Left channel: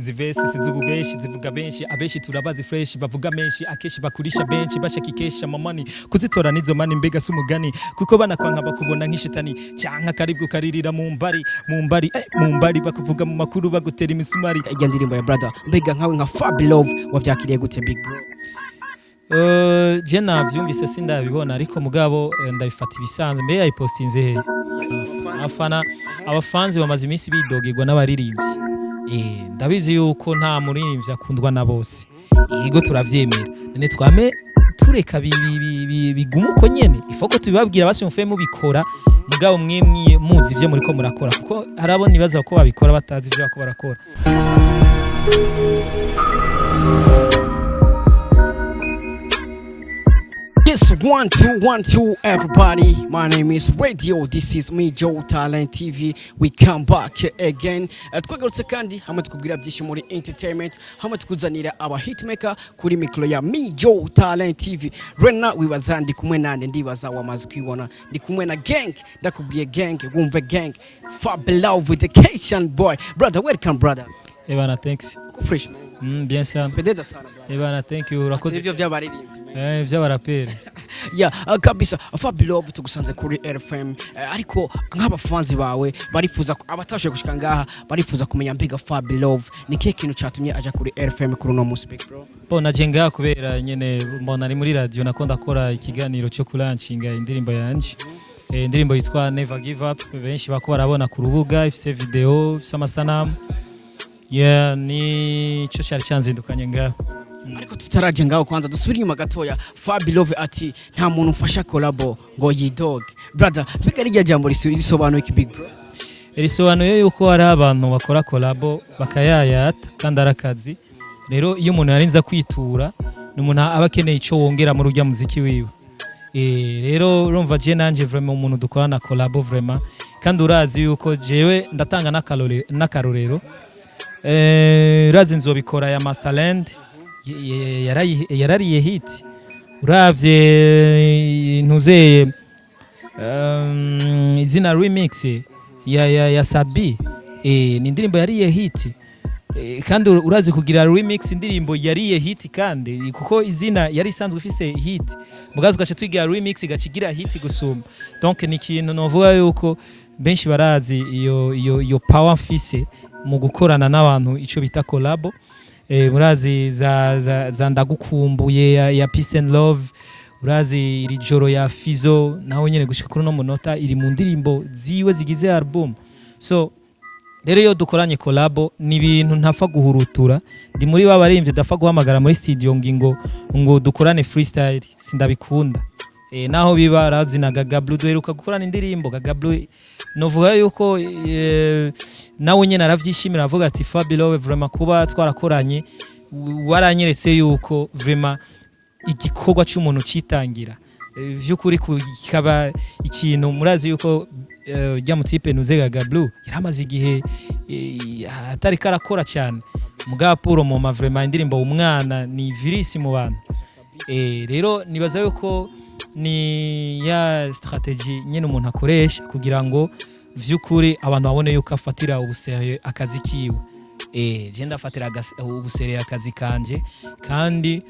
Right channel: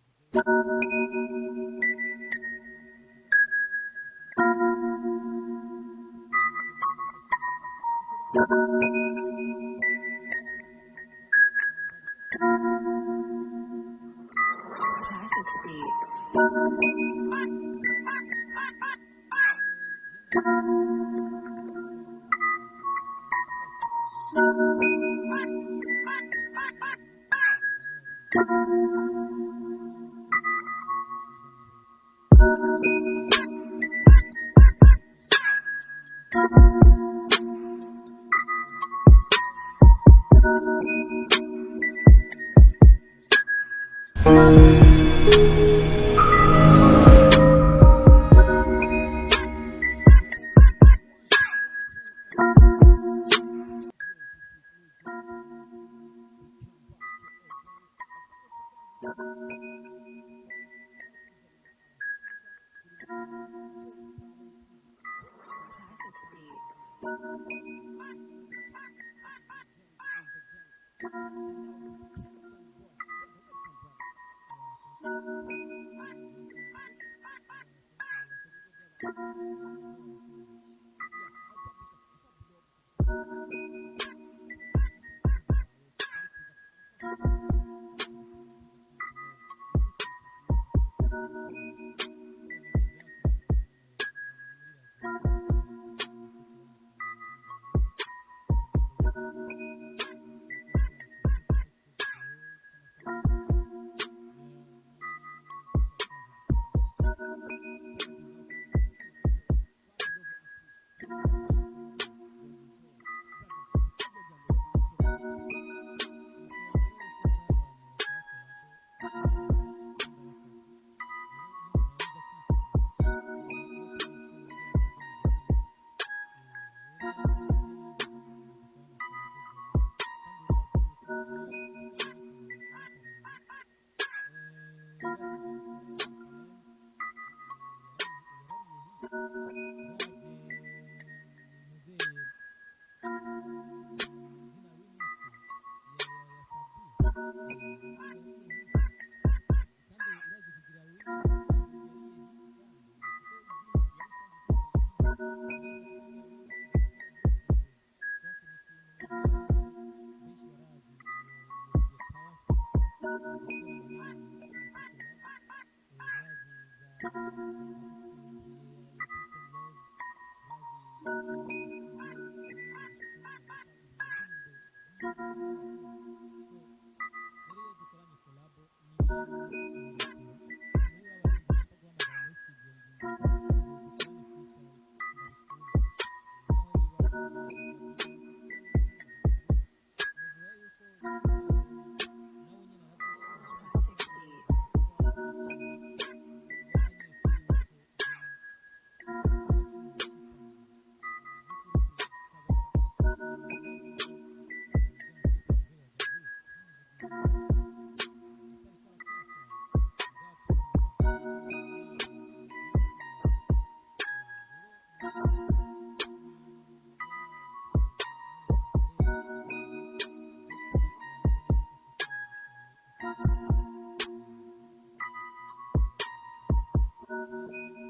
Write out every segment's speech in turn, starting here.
Zivesi sizububeshi zivuga benshi abeshi turabazi fresh bavuga menshi akeshi bakurisha benshi bashakikesha mamani kuzitora nizo mani mbega sumugani kuko banakwanka bakubona nk'ishitani cyanka karibwo karirira mu mbari bakuvuga mu makuru bagutera imisumari ijya ndirimbo ya brother mbega nkawe nka Fab Love wavyakiriye gute big bro? Je navyumvise sindabibona ariko mugabo ndabifata ibisanzwe mbe yayipostinze he abafanzi bamaze iminsi bidogegwa n'abaririmbyi ndabizi yuko nta muririmbyi akundwa na bose yego turavyemera none twame tureka bigumuko nyene ifoko tubibabwira basi mufeye mubikora mugabo mwemwiye muzi ivyo muriko murakora kuko harabona ibaza ko babikora batazi ivyo bako barakora. Yes, 1 2 1 2 everybody. My name is Radio. This is me Joe Talent TV. We come back again. Twagarutse kandi hamwe tukubwira byinshi muri entertainment, hamwe tukuzanira aba hitmaker kuri mikro ya me Joe Talent TV. Rena wibaza ndi kumwe nande ndibaza wamaze kwibona. Ndi kumwe na gang, ndakubwiye gang, wumve gang. Fab Love with the Cation boy. Brother, welcome brother. Ebana thanks. Fresh. Bien sana. Pededa sana. Ebana thank you. Urakoze ivyo byabaririmbyi. Vy'abaraperi. Yeah, kabisa Fab Love tugusanze kuri RFM ariko nk'abafanzi bawe barifuza abatashe gushika ngaha barifuza kumenya mbega Fab Love ni kihe kintu cyatumye aja kuri RFM kuri no musi big bro? Bona jenga kubera nyene mbona ari muri radio nakonda kora ikiganiro cyo kulanchinga indirimbo yanje. Indirimbo yitwa Never Give Up benshi bako barabona ku rubuga ifise video s'amasanamu. Yeah, ni cyo cyari cyanzindukanye ngaho. Ariko tutaraje ngaho kwanza dusubira inyuma gatoya. Fab Love ati nta muntu ufasha collabo ngo yidog. Brother, mbega rijya jambo risobanuye iki big bro? Risobanuye yuko hari abantu bakora collabo bakayayata kandi arakazi. Rero iyo umuntu yarinza kwitura n'umuntu aba akeneye ico wongera mu rujya muziki wiwe. Rero urumva je nanje vraiment umuntu dukorana collabo vraiment kandi urazi yuko jewe ndatanga n'akarorero. Razi nzobikora ya Masterland yarariye hit uravye ntuzeye izina remix ya yasavye ni indirimbo yariye hit kandi urazi kugira remix indirimbo yariye hit kandi kuko izina yari isanzwe ifise hit mugazi gace twigira remix gacigira hit gusuma donc ni kintu novuga yuko benshi barazi iyo power mfise mu gukorana n'abantu ico bita collabo. Murazi za ndagukumbuye ya Peace and Love, urazi iri joro ya Fizo naho nyene gushika kuri no munota iri mu ndirimbo ziwe zigize album. So rero yo dukoranye collabo ni ibintu ntapfa guhurutura ndi muri babaririmbye dafa guhamagara muri studio ngo dukorane freestyle sindabikunda. Naho biba razina Gagablu duheruka gukorana indirimbo Gagablu novuga yuko nawe nyene aravyishimira avuga ati Fab Love vraiment kuba twarakoranye waranyeretse yuko vraiment igikorwa cy'umuntu citangira vy'ukuri kikaba ikintu murazi yuko rya mutipe nuze Gagablu yaramaze igihe atari karakora cyane mugapuro mu ma vraiment indirimbo umwana ni virisi mu bantu. Rero nibaza yuko ni ya strategy nyene umuntu akoresha kugira ngo vy'ukuri abantu babone yuko afatira ubusere akazi kiwe. Je ndafatira ubusere akazi kanje kandi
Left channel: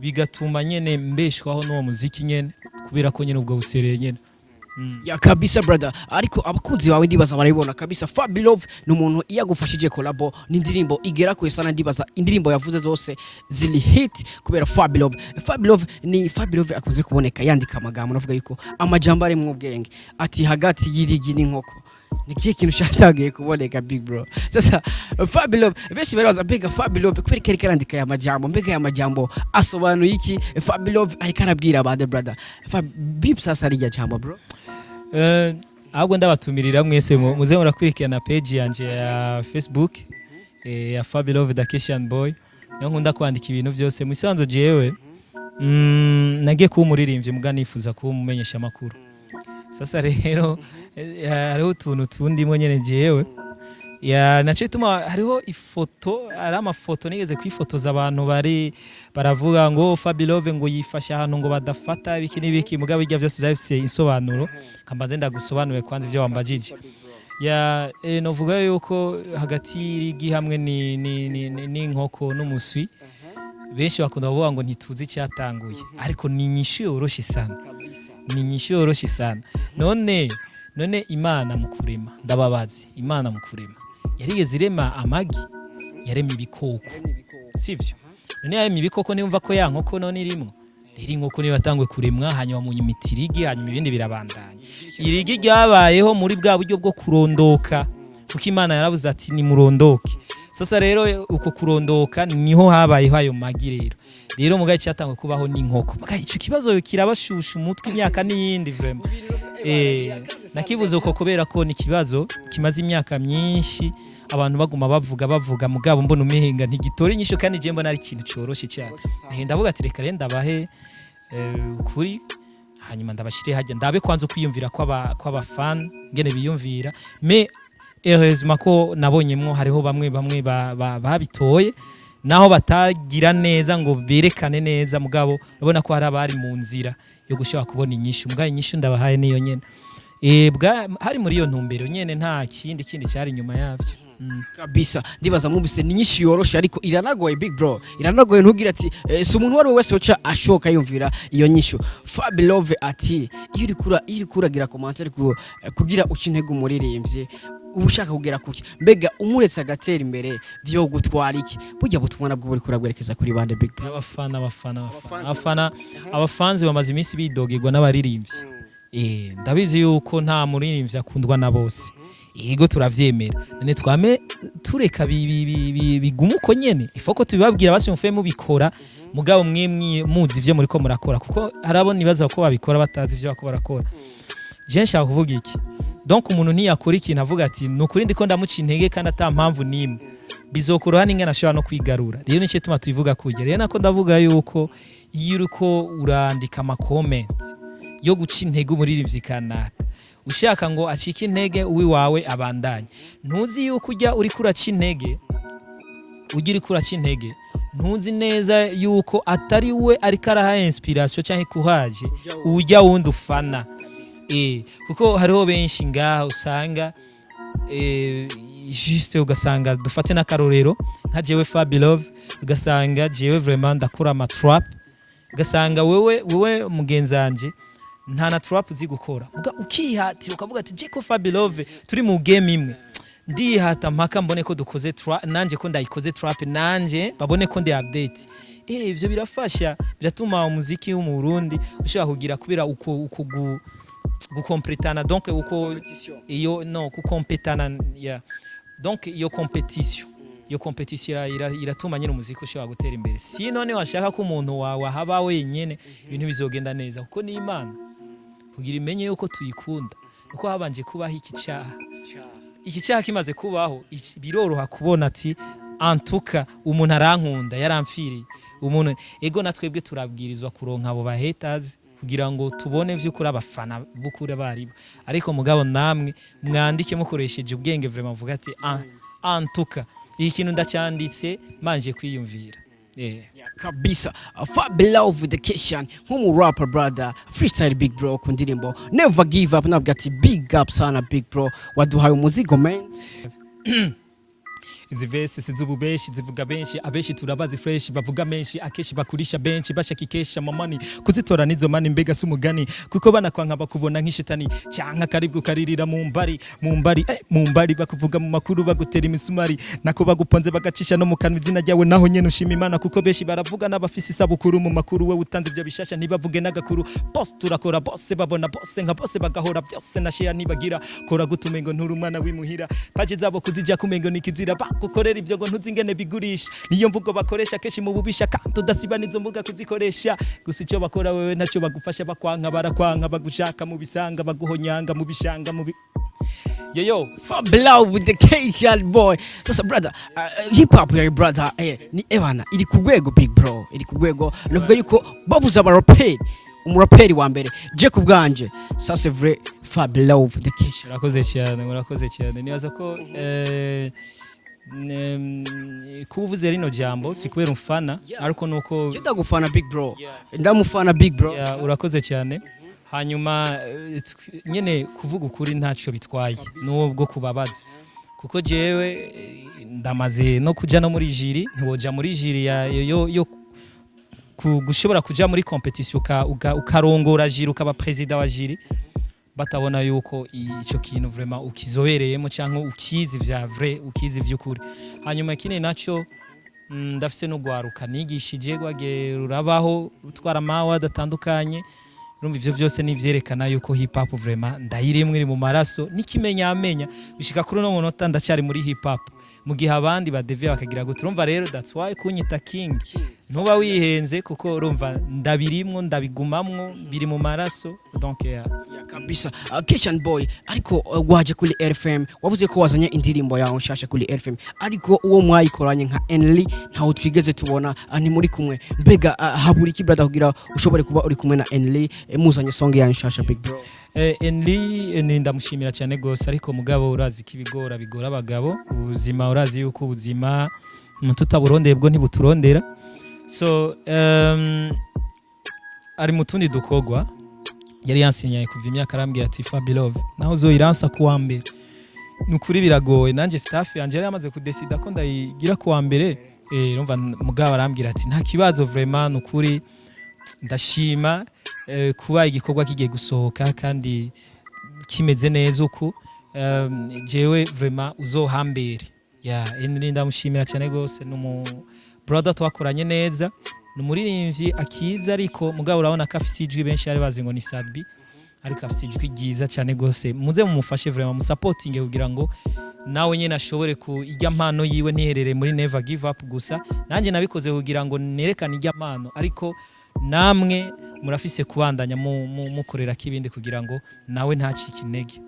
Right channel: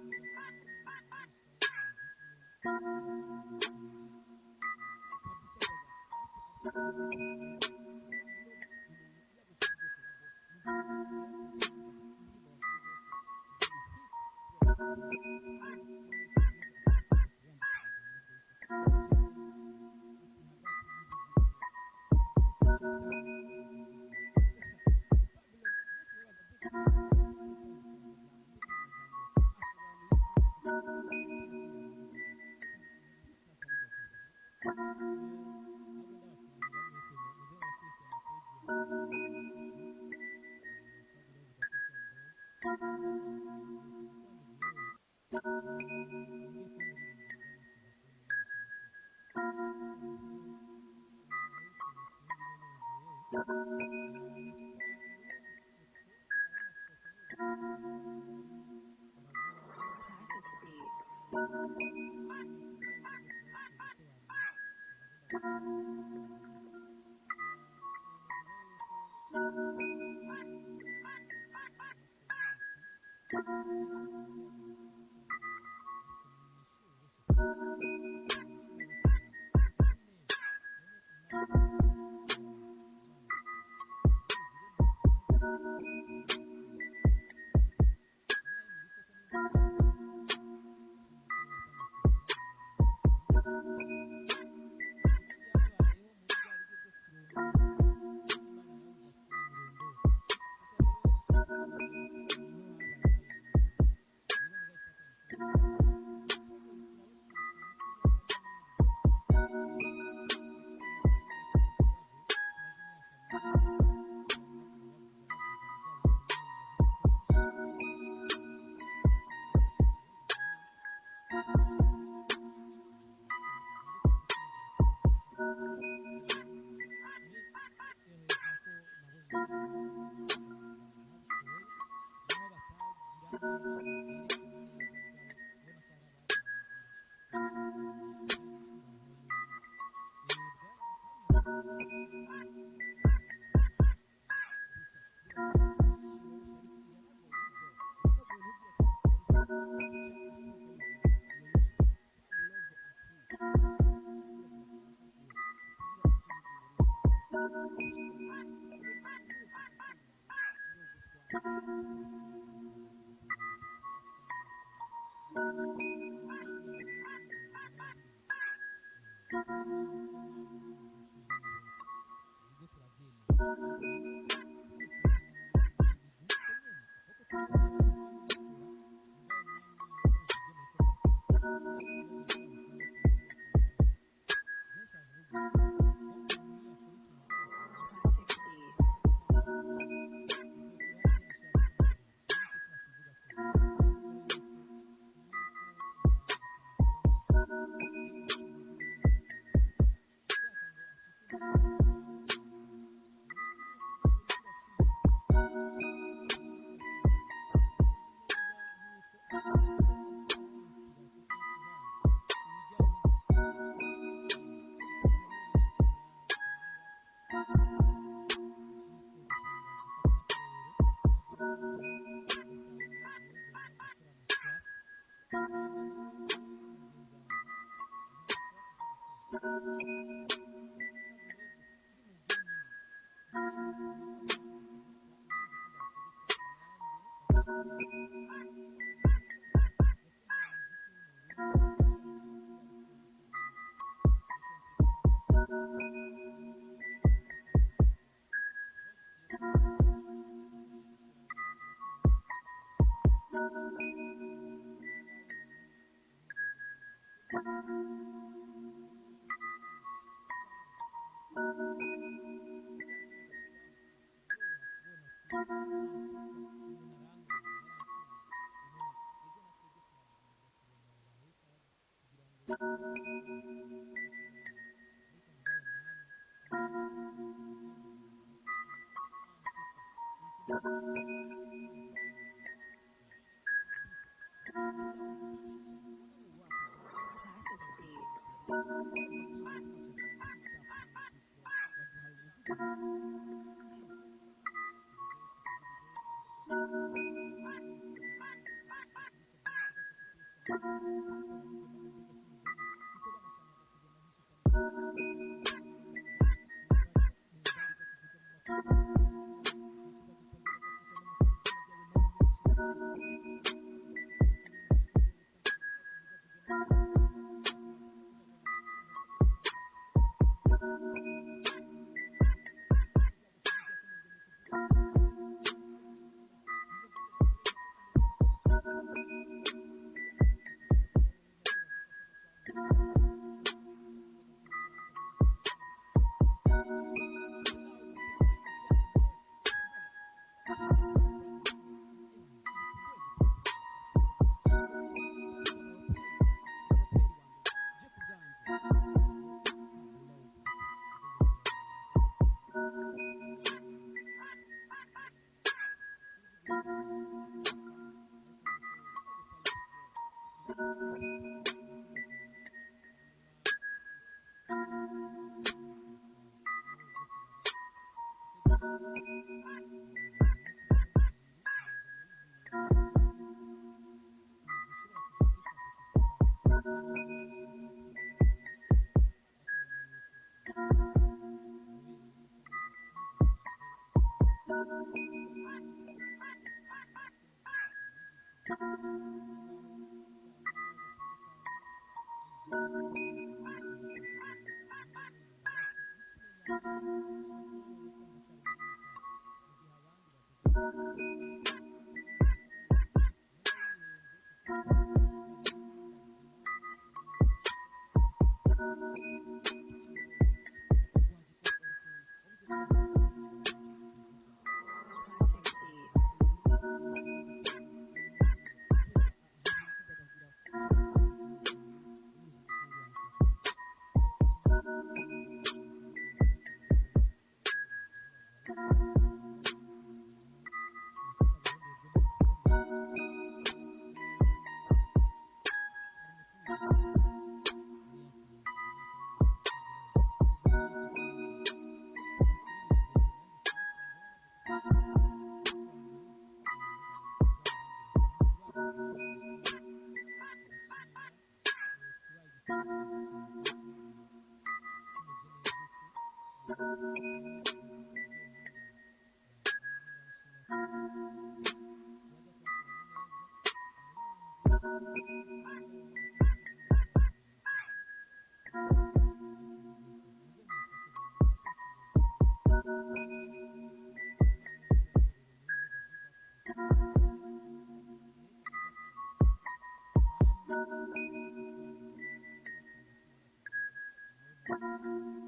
bigatuma nyene mbeshwaho no muziki nyene kubera ko nyene ubwo busere nyene. Ya kabisa brother, ariko abakunzi bawe ndibaza barabibona kabisa Fab Love n'umuntu iyagufashije collabo n'indirimbo igera kuri sana ndibaza indirimbo yavuze zose zili hit kubera Fab Love. Fab Love akuze kuboneka yandika amagambo navuga yuko amajambo ari mu bwenge ati hagati y'irigi n'inkoko nikiye kintu cyatagiye kuboneka big bro. Sasa Fab Love beshi baraza mbega Fab Love kubera kari karandika ya majambo mbega ya majambo asobanuye iki Fab Love ariko arabwira abade brother Fab bip sasa rijya jambo bro. Ahubwo ndabatumirira mwese muze murakurikirana page yanje ya Facebook ya Fab Love the Cation boy niyo nkunda kwandika ibintu byose musanzo jewe nagiye kuba umuririmbyi muga nifuza kuba umumenyesha makuru. Sasa rero hariho utuntu tundi nyene jewe ya nace tuma hariho ifoto ari amafoto nigeze kwifotoza abantu baravuga ngo Fab Love ngo yifasha ahantu ngo badafata ibiki n'ibiki mugabo bijya byose byafise insobanuro kambaze ndagusobanuye kwanza ivyo wambajije. ya novuga yuko hagati y'igi hamwe n'inkoko n'umuswi benshi bakunda kuvuga ngo ntituzi cyatanguye ariko ni inyishu yoroshe sana ni inyishu yoroshe sana none Imana mu kurema ndababazi Imana mu kurema yarigeze irema amagi yarema ibikoko sivyo none yarema ibikoko nimva ko ya nkoko none irimo iri nkoko niyo batangwe kuremwa hanyuma mu imitirigi hanyuma ibindi birabandanya irigi ryabayeho muri bwa buryo bwo kurondoka kuko Imana yaravuze ati ni murondoke sasa rero uko kurondoka niho habayeho ayo magi rero mugaye cyatangwe kubaho n'inkoko mugaye ico kibazo kirabashusha umutwe imyaka n'iyindi vraiment nakivuze uko kubera ko ni kibazo kimaze imyaka myinshi abantu baguma bavuga mugabo mbona umehinga ntigitora inyisho kandi je mbona ari ikintu coroshe cyane ndavuga ati reka renda bahe kuri hanyuma ndabashire hajya ndabe kwanza kwiyumvira kw'aba fan ngene biyumvira me heureusement ko nabonyemwo hariho bamwe babitoye naho batagira neza ngo berekane neza mugabo urabona ko hari abari mu nzira yo gushaka kubona inyishu mugabo inyishu ndabahaye niyo nyene hari muri iyo ntumbero nyene nta kindi cyari nyuma yavyo kabisa ndibaza mubise ni nyinshi yoroshe ariko iranagoye big bro iranagoye ntugira ati si umuntu wari wese uca ashoka yumvira iyo nyishu Fabilove ati iyo uri kuragira commentaire kugira ukintego umuririmbye ubushaka kugera kuki mbega umuretse agatera imbere byo gutwara iki burya butumwa nabwo buri kuragwerekeza kuri bande big bro abafanzi bamaze iminsi bidogirwa n'abaririmbyi ndabizi yuko nta muririmbyi akundwa na bose yego turavyemera none twame tureka bigumu uko nyene ifoko tubibabwira basi mufeye mubikora mugabo mwemwe muzi ivyo muri ko murakora kuko harabona ibaza ko babikora batazi ivyo bako barakora je nshaka kuvuga iki donc umuntu ntiyakora ikintu avuga ati nukuri ndiko ndamuca intege kandi ata mpamvu nimwe bizokoroha n'ingana ashobora no kwigarura rero nicyo tuma tubivuga kujya rero nako ndavuga yuko iyo uriko urandika ama comments yo guca intege umuririmbyi kanaka ushaka ngo acike intege uwi wawe abandanye ntuzi yuko ujya uri kuraca intege ugira kuraca intege ntuzi neza yuko atari we ariko araha inspiration cyangwa kuhaje ujya wundi ufana kuko hariho benshi ngaha usanga juste ugasanga dufate n'akarorero nka jewe Fabilove ugasanga jewe vraiment ndakora ama trap ugasanga wewe mugenzanje nta na trap uzi gukora ukihatira ukavuga ati Jeko Fabilove turi mu game imwe ndihata mpaka mbone ko dukoze trap nanje ko ndayikoze trap nanje babone ko ndi update ivyo birafasha biratuma umuziki wo mu Burundi ushaka kugira kubira uko gukompletana donc uko iyo no kukompetana ya donc iyo competition iratuma nyine umuziki ushaka gutera imbere si none washaka ko umuntu wawe haba wenyene ibintu bizogenda neza kuko ni Imana kugira imenye yuko tuyikunda uko habanje kubaho iki cyaha kimaze kubaho biroroha kubona ati antuka umuntu arankunda yaramfiriye umuntu ego natwebwe turabwirizwa kuronka abo bahaters kugira ngo tubone vy'ukuri abafana bukure baribo ariko mugabo namwe mwandike mukoresheje ubwenge vraiment vuga ati antuka iki kintu ndacyanditse manje kwiyumvira kabisa Fabilove the Kishan nk'umu rapper brother freestyle big bro ku ndirimbo never give up nabwo ati big up sana big bro waduhaye umuzigo man izi verse sizububeshi zivuga benshi abeshi turabazi fresh bavuga menshi akeshi bakurisha benshi bashakikesha mamani kuzitora nizo mani mbega sumugani kuko bana kwanka bakubona nk'ishitani cyanka karibwo karirira mu mbari bakuvuga mu makuru bagutera imisumari nako baguponze bagacisha no mu kanwa izina ryawe naho nyene ushima Imana kuko beshi baravuga n'abafisi sabukuru mu makuru we utanze byo bishasha ntibavuge n'agakuru boss turakora boss babona boss nka boss bagahora byose na share nibagira kora gutumengo nturi umwana wimuhira page zabo kuzija kumengo nikizira gukorera ivyo ngo ntuzingene bigurisha niyo mvugo bakoresha keshi mu bubisha kandi udasiba nizo mvuga kuzikoresha gusa icyo bakora wewe nacyo bagufasha bakwanka barakwanka bagushaka mu bisanga baguhonyanga mu bishanga mu yo Fabilove with the Kishan boy so brother hip hop ya brother ni Ewana iri ku rwego big bro iri ku rwego navuga yuko bavuza abaraperi umuraperi wa mbere je ku bwanje ça c'est vrai Fabilove the Kishan murakoze cyane nibaza ko kuvuze rino jambo sikubera umfana ariko nuko ndagufana big bro ndamufana big bro urakoze cyane hanyuma nyene kuvuga ukuri ntacyo bitwaye n'ubwo kubabaza kuko jewe ndamaze no kuja no muri jiri ntiwoja muri jiri yo gushobora kuja muri competition ukarongora jiri ukaba president wa jiri batabona yuko ico kintu vraiment ukizobereyemo canke ukizi vya vrai ukizi vy'ukuri hanyuma kine naco ndafise no gwaruka nigishije gwage rurabaho utwara mawa adatandukanye urumva ivyo vyose nivyerekana yuko hip hop vraiment ndayirimwe iri mu maraso nikimenya amenya bishika kuri no munota ndacyari muri hip hop mu gihe abandi badevye bakagira ngo turumva rero that's why kunyita king ntuba wihenze kuko urumva ndabirimwo ndabigumamwo biri mu maraso donc kabisa Kitchen Boy ariko waje kuri RFM wavuze ko wazanye indirimbo yawe nshasha kuri RFM ariko uwo mwayikoranye nka Enly ntaho twigeze tubona ni muri kumwe mbega haburi ki brother kugira ushobore kuba uri kumwe na Enly muzanye song yawe nshasha big bro Enly ndamushimira cyane gose ariko mugabo urazi kibigora bigora abagabo ubuzima urazi yuko ubuzima tutaburondeye bwo ntibuturondera so ari mutundi dukogwa yari yansinyaye kuva imyaka arambwiye ati Fabilove naho uzoyiransa kuwa mbere nukuri biragoye nanje staff yanje yari yamaze kudesida ko ndayigira kuwa mbere urumva mugabo arambwira ati nta kibazo vraiment nukuri ndashima kuba igikorwa kigiye gusohoka kandi kimeze neza uko jewe vraiment uzohambere Enly ndamushimira cyane gose numu brother twakoranye neza numuririmbyi akiza ariko mugabo urabona ko afise ijwi benshi ari bazi ngo ni Sadbi ariko afise ijwi ryiza cyane gose muze mumufashe vraiment musupporting kugira ngo nawe nyene ashobore ku ijya mpano yiwe niherere muri Never Give Up gusa nanje nabikoze kugira ngo nerekane ijya mpano ariko namwe murafise kubandanya mukorera kibindi kugira ngo nawe ntacike intege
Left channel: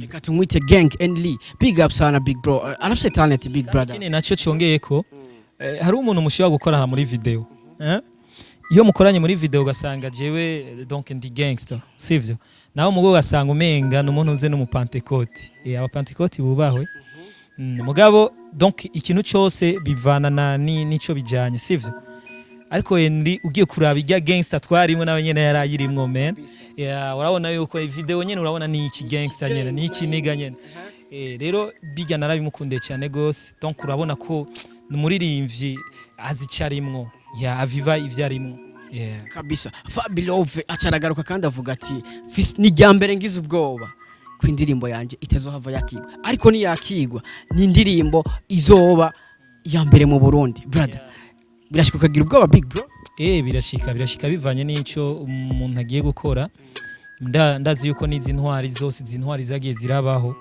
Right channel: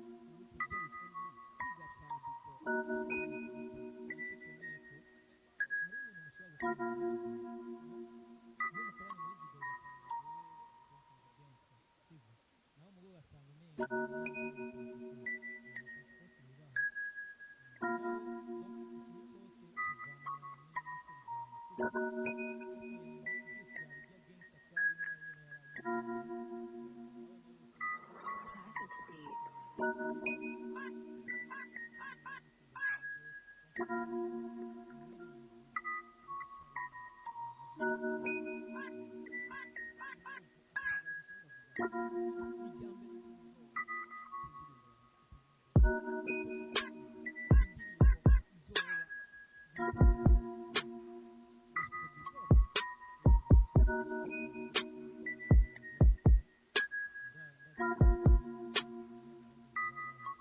reka tumwite gang Enly big up sana big bro arafise talent big brother kine naco cyongeye ko hari umuntu mushobora gukorana muri video iyo mukoranye muri video ugasanga jewe donc ndi gangster sivyo naho mugo gasanga umenga n'umuntu uze no mu Pentecote aba Pentecote bubahwe mugabo donc ikintu cyose bivana nico bijanye sivyo ariko Enly ugiye kuraba ijya gangster twarimwe nawe nyene yarayirimwo man urabona yuko video nyene urabona ni iki gangster nyene ni iki niga nyene rero bijya narabimukunde cyane gose donc urabona ko numuririmbyi azicarimwo aviva ivyarimo kabisa Fabilove acaragaruka kandi avuga ati ni ryambere ngize ubwoba ku indirimbo yanje itezohava yakigwa ariko ni yakigwa ni indirimbo izoba ya mbere mu Burundi brother birashika kagira ubwoba big bro birashika bivanye n'ico umuntu agiye gukora ndazi yuko nizi ntwari zose zintwari zagiye zirabaho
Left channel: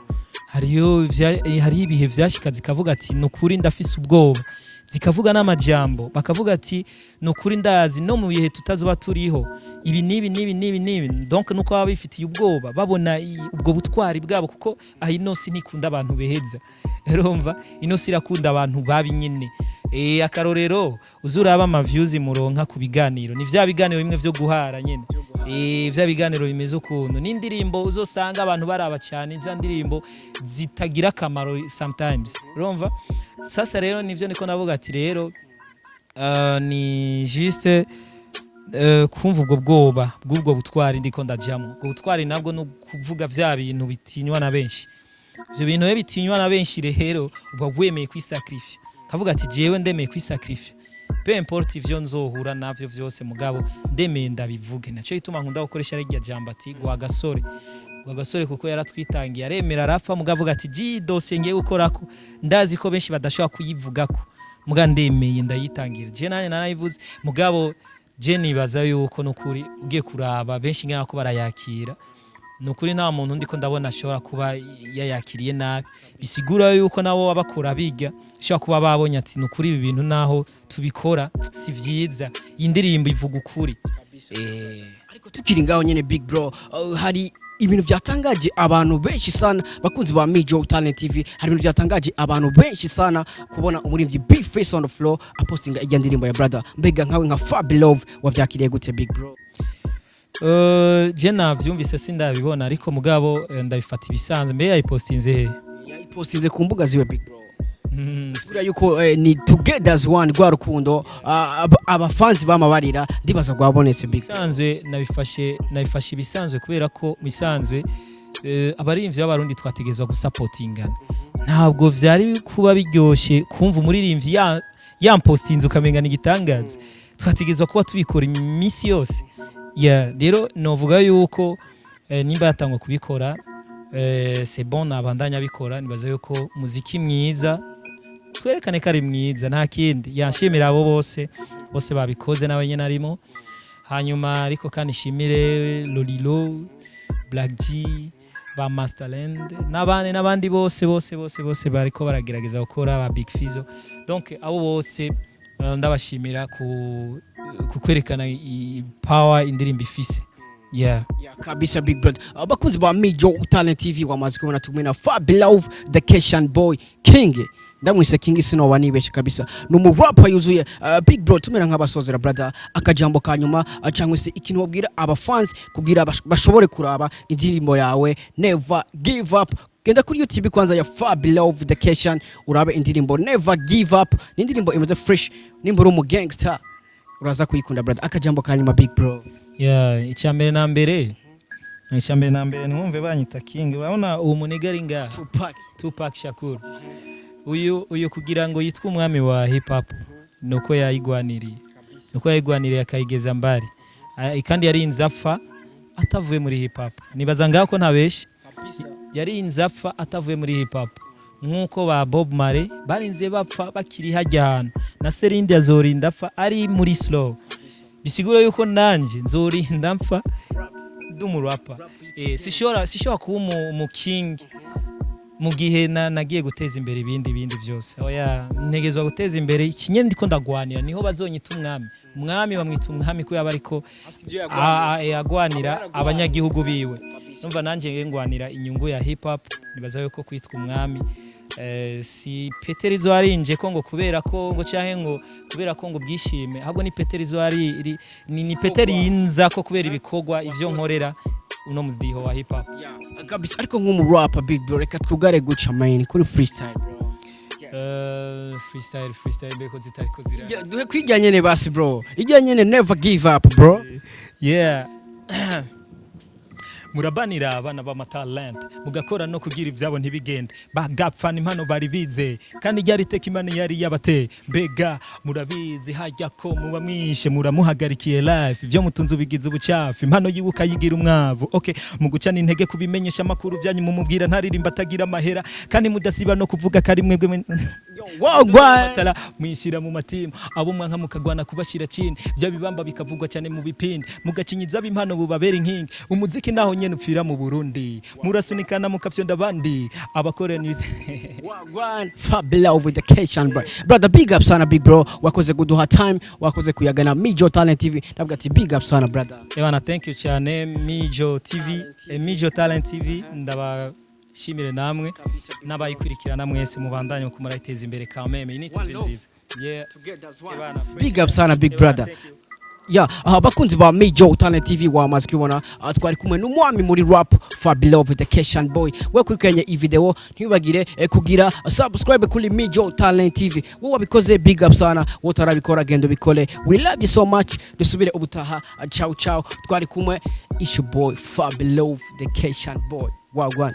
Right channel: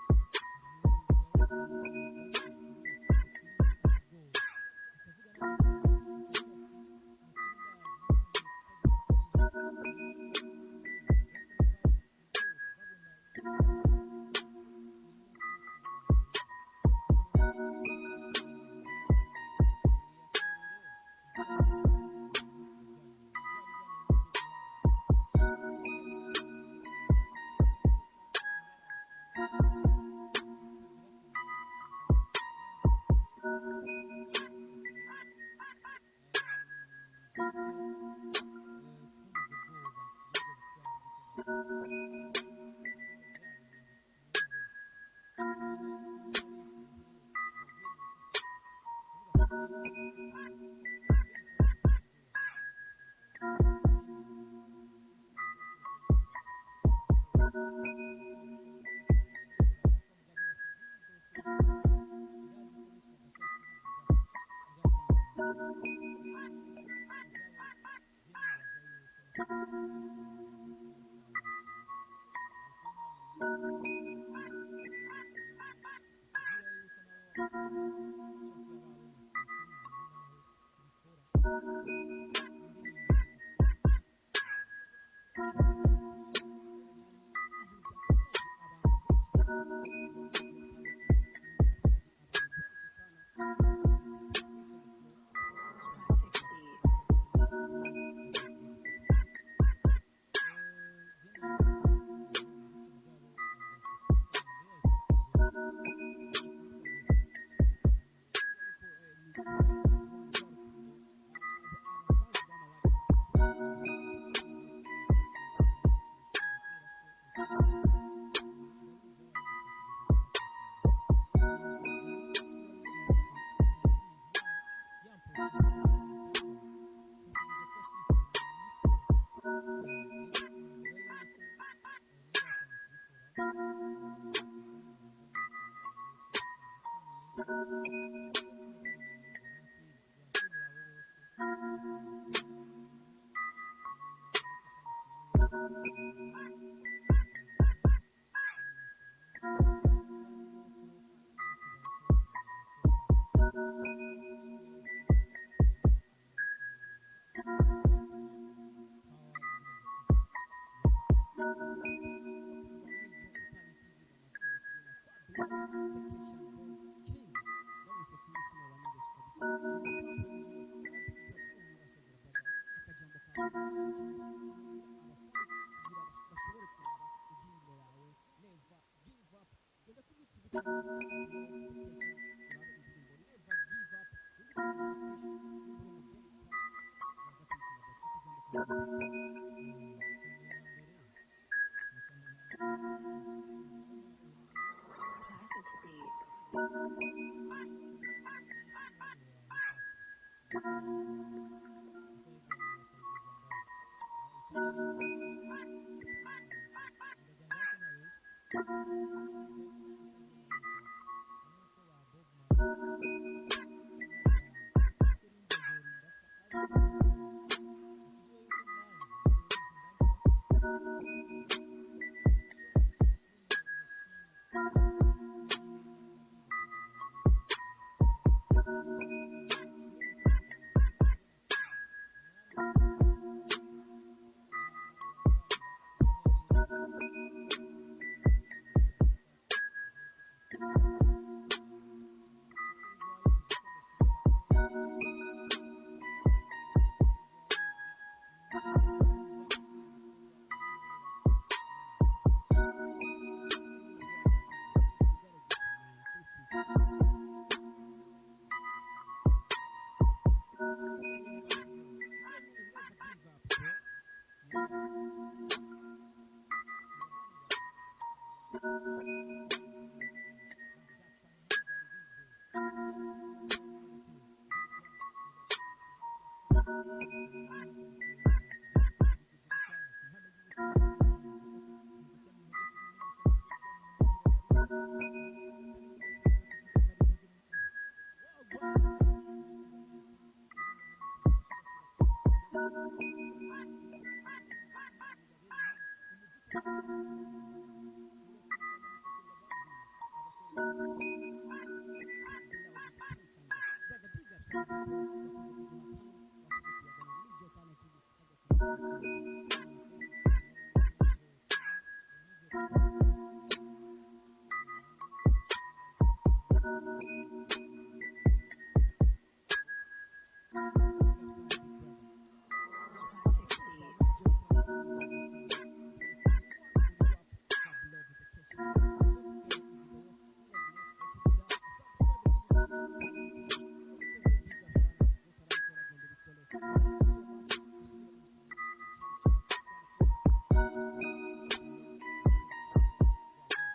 hari ibihe vyashika zikavuga ati nukuri ndafise ubwoba zikavuga n'amajambo bakavuga ati nukuri ndazi no mu bihe tutazoba turiho ibi nibi donc nuko baba bifitiye ubwoba babona ubwo butwari bwabo kuko inosi ntikunda abantu beheza urumva inosi irakunda abantu babi nyine akarorero uzuraba ama views muronka ku biganiro ni vya biganiro bimwe vyo guhara nyene vya biganiro bimeze ukuntu n'indirimbo uzosanga abantu baraba cyane za ndirimbo zitagira kamaro sometimes urumva sasa rero nivyo niko navuga ati rero ni juste kumva ubwo bwoba bw'ubwo butwari ndiko ndajamo ubwo butwari nabwo no kuvuga vya bintu bitinywa na benshi ivyo bintu bitinywa na benshi rero ubwo wemeye kwisacrifice kavuga ati jewe ndemeye kwisacrifice peu importe ivyo nzohura navyo vyose mugabo ndemeye ndabivuge naco ituma nkunda gukoresha rya jambo ati gwagasore kuko yaratwitangiye aremera arafa mugavuga ati ji dosiye ngiye gukorako ndazi ko benshi badashobora kuyivugako muga ndemeye ndayitangira je nanye narayivuze mugabo je nibaza yuko nukuri ugiye kuraba benshi nkako barayakira nukuri nta muntu ndiko ndabona ashobora kuba yayakiriye nabi bisigura yuko nabo babakora biga shaka kuba babonye ati nukuri ibi bintu naho tubikora si vyiza indirimbo ivuga ukuri ariko tukiri ngaho nyene big bro hari ibintu byatangaje abantu benshi sana bakunzi ba Major Talent TV hari ibintu byatangaje abantu benshi sana kubona umuririmbyi Big Face on the floor apostinga ijya ndirimbo ya brother mbega nkawe nka Fabilove wavyakiriye gute big bro je navyumvise sindabibona ariko mugabo ndabifata ibisanzwe mbe yayipostinze yayipostinze ku mbuga ziwe big bro Sura yuko ni together as one rwa rukundo abafanzi bamabarira ndibaza gwabonetse big. Bisanzwe nabifashe ibisanzwe kubera ko bisanzwe abarimvyi b'abarundi twategezwa gusupportingana. Ntabwo vyari kuba biryoshe kumva umuririmbyi yampostinze ukamenga nigitangaza. Twategezwa kuba tubikora imisi yose. Rero novuga yuko nimba yatangwa kubikora c'est bon nabandanya bikora nibaza yuko muziki mwiza twerekane ko ari mwiza nta kindi yanshimira abo bose babikoze nawe nyene arimo hanyuma ariko kandi shimire Lolilo Black G ba Masterland n'abandi bose bariko baragerageza gukora ba Big Fizo donc abo bose ndabashimira ku kwerekana power indirimbo ifise. Yeah, kabisa big brother. Abakunzi ba Mijo Talent TV wamaze kubona tumena Fabilove the Keshan Boy King. Ndamwise King sino wanibeshe kabisa. Numu rapper yuzuye big bro tumera nk'abasozera brother akajambo kanyuma cyangwa se ikintu wabwira aba fans kugira bashobore kuraba indirimbo yawe Never Give Up. Genda kuri YouTube kwanza ya Fabilove the Keshan urabe indirimbo Never Give Up. Ni indirimbo imeze fresh nimboro mu gangster. Uraza kuyikunda brother akajambo kanyuma big bro. Icyambere na mbere numve banyita King urabona uwo munigari nga Tupac Shakur uyu kugira ngo yitwe umwami wa hip hop nuko yayigwaniriye akayigeza mbari kandi yari inzapfa atavuye muri hip hop nibaza ngaho ko ntabeshe yari inzapfa atavuye muri hip hop nkuko ba Bob Marley barinze bapfa bakiri hajya hano na Serinde azorinda apfa ari muri slow bisigura yuko nanje nzorinda mpfa ndumurapa sishora kuba mu king mu gihe nagiye guteza imbere ibindi byose oya ntegezwa guteza imbere ikinye ndiko ndagwanira niho bazonyita umwami bamwita umwami ko yabariko agwanira abanyagihugu biwe numva nanje ngwanira inyungu ya hip hop nibaza yuko kwitwa umwami si Peterizo arinje ko ngo kubera ko ngo cyahe ngo kubera ko ngo byishime ahubwo ni Peterizo ari ni Peteri yinza ko kubera ibikogwa ivyo nkorera uno mudiho wa hip hop kabisa ariko nk'umu rapper big bro reka twugare guca main kuri freestyle bro freestyle beko zitariko zira duhe kwijyanye ne basi bro ijyanye ne Never Give Up bro. Murabanira abana ba talent mugakora no kugira ivyabo ntibigende bagapfa impano bari bize kandi ryari teka imana yari yabate mbega murabizi hajya ko muba mwishe muramuhagarikiye life ivyo mutunze bigize ubucafu impano yibuka yigira umwavu okay mugucana intege kubimenyesha makuru byanyu mumubwira ntaririmba atagira amahera kandi mudasiba no kuvuga kari mwebwe wagwa mwishira mu matima abo mwanka mukagwana kubashira chini bya bibamba bikavugwa cyane mu bipindi mugacinyiza bimpano bubabera inkingi umuziki naho nyene upfira mu Burundi murasunikana mukafyonda bandi abakoreni wagwan Fabilove the Keshan bro. Brother big up sana big bro wakoze kuduha time wakoze kuyagana Mijo Talent TV ndavuga ati big up sana brother. Thank you cyane Mijo TV Mijo Talent TV ndabashimire namwe n'abayikurikirana mwese mubandanye ko murayiteza imbere kameme ni TV nziza big up sana big brother. Bakunzi ba Mijo Talent TV wamaze kubona twari kumwe n'umwami muri rap Fabilove the Keshan Boy we kurikanye iyi video ntibagire kugira subscribe kuri Mijo Talent TV wowe wabikoze big up sana wowe tarabikora gendo bikole we love you so much dusubire ubutaha ciao twari kumwe issue boy Fabilove the Keshan Boy wagwan.